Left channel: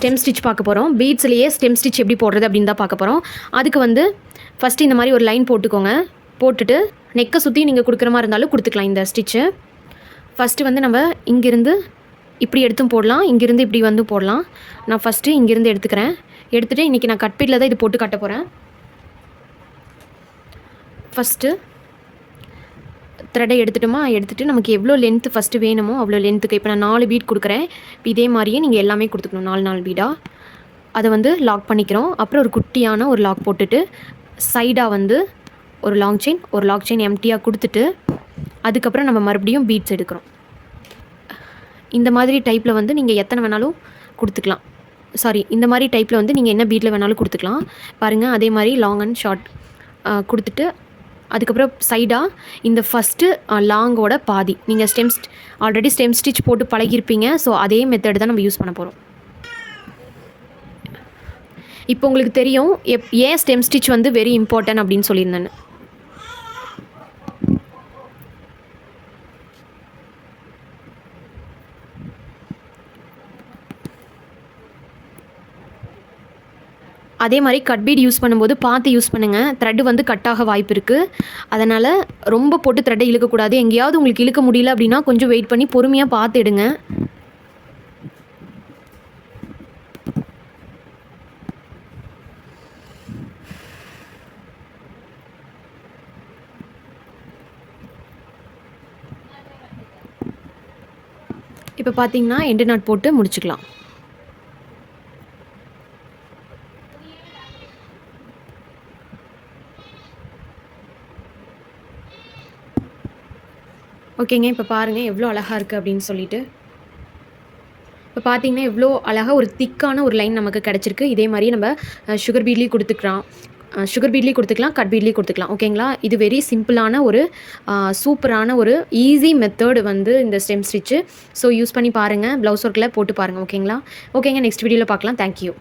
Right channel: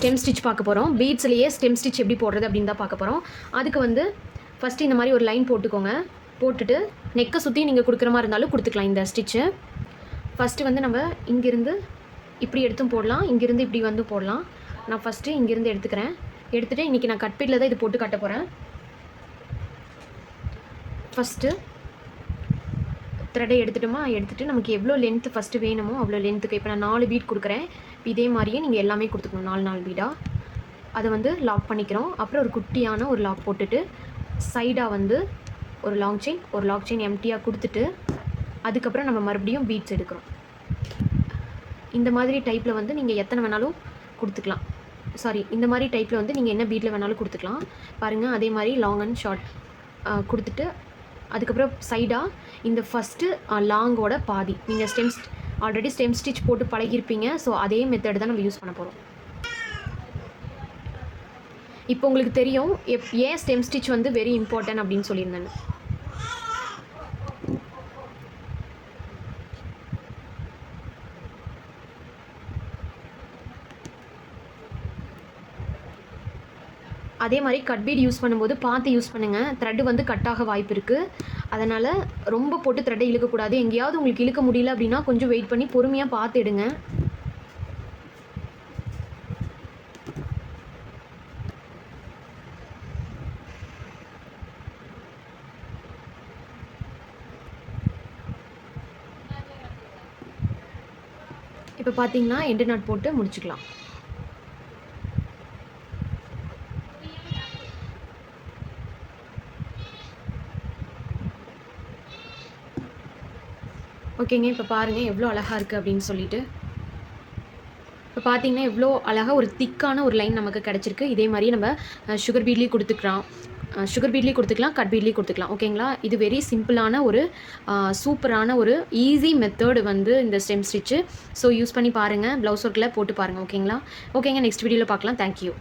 Stem stitch பார்க்க போகிறோம். பீட்ஸ்லேயே stem stitch எப்படி போடுறது அப்படின்னு தான் பார்க்க போகிறோம். அதுக்கு வந்து ஃபஸ்ட்டு இந்த மாதிரி ஒரு லைன் போட்டுக்கோங்க. போட்டுட்டு நெக்கை சுற்றி நீங்கள் கொடுக்குற மாதிரி இருந்தாலும் கொடுத்துக்கலாம் இந்த ஸ்டிச்சு. ஃபஸ்ட்டு வந்து நம்ம இங்கேருந்து இப்படி எடுத்தும் போடலாம், இங்கேருந்து இப்படி வந்து போடலாம். நான் ஃபஸ்ட்டு இங்கேருந்து எடுத்துக்கிறேன். எடுத்துகிட்டு இன்றைக்கி நான் கட் பீட்டில் தான் இது போட்டு கட்ட போகிறேன். ஃபஸ்ட்டு த்ரெட்டை எடுத்துட்டோமா, எடுத்துகிட்டு நமக்கு எவ்வளோ லென்த்து ஃபஸ்ட்டு வேணுமோ அவ்வளோ லென்த்துக்கு இப்போ நான் 4 பீட் கொடுக்குறேன். இதே மாதிரியே நீங்கள் எல்லாமே கொடுத்துக்கணும் 4 பீடாக. அதை வந்து லாக் பண்ணிக்கிறோம். அப்புறம் ஒரு குட்டியான ஒரு லாக் போட்டுட்டு சைடாக வந்து ஒரு லாங் செயின் எம்டியாக கொடுத்துட்டு அதுக்கப்புறம் நம்ம மறுபடியும் பீட்ஸ் எடுக்கிறோம். இந்த மாதிரி டைப்பில் வந்து நீங்கள் எத்தனை வேணாலும் கொடுத்துக்கலாம். இந்த மாதிரி டைப்பில் வந்து நீங்கள் என்ன பீட்டில் வேணாலும் கொடுத்துக்கலாம். பாருங்கள், அதே மாதிரி லாங் அண்ட் ஷார்ட் கொடுத்துட்டு அதுக்கப்புறம் சைடாக இந்த ஃபஸ்ட்டு லாங்கோட பாதி நீங்கள் ஆல்ரெடி ஸ்டெம் ஸ்டிச் போட்டு பழகிருப்பீங்க. ஸோ அதே மெத்தட் தான் நம்ம யூஸ் பண்ண போகிறோம். இப்போ உங்களுக்கு தெரியும் ஏன் ஸ்டெம் ஸ்டிச் வந்து வெரி இம்பார்ட்டன்ட் அப்படின்னு சொல்லியிருந்தேன்னு. அதே மாதிரி கட் பீட் யூஸ் பண்ணும்போது பார்த்து யூஸ் பண்ணுங்கள். த்ரெட்டு வந்து கட்டாக வாய்ப்பு இருக்குது. அதனால் ரொம்ப போட்டு த்ரெட்டை இழுக்கக்கூடாது. எங்கேயாவது உங்களுக்கு இழுக்க முடியல அப்படின்னா கொஞ்சம் வெயிட் பண்ணி பொறுமையாக பார்த்து எடுங்க. இப்போ பார்த்தீங்கன்னா எண்டு நாட் போட்டு முடிச்சுக்கலாம். ஓகேங்க, இப்போ பாருங்கள் எவ்வளோ அழகாக இருக்குது அப்படின்னு சொல்லிட்டு. இப்போ பார்த்தீங்கன்னா எவ்வளோ அழகாக ஒரு திக்கான ஒரு லைன் நமக்கு கிடச்சிருக்கு. இதே மாதிரி நம்ம சுகர் பீட்லேயும் கொடுத்துக்கலாம், கட் பீட்லேயும் கொடுத்துக்கலாம். ஓகேங்களா, இது வெரி சிம்பிளான ஒரு சூப்பரான ஒரு ஈஸி மெத்தட் வந்து இந்த ஸ்டெம் ஸ்டிச்சு. ஸோ யூஸ் பண்ணி பாருங்கள், ப்ளவுஸ் ஒர்க்கில் போட்டு பாருங்கள். ஓகேங்களா, நெக்ஸ்ட் வீடியோவில் பார்க்கலாம். தேங்க்யூ.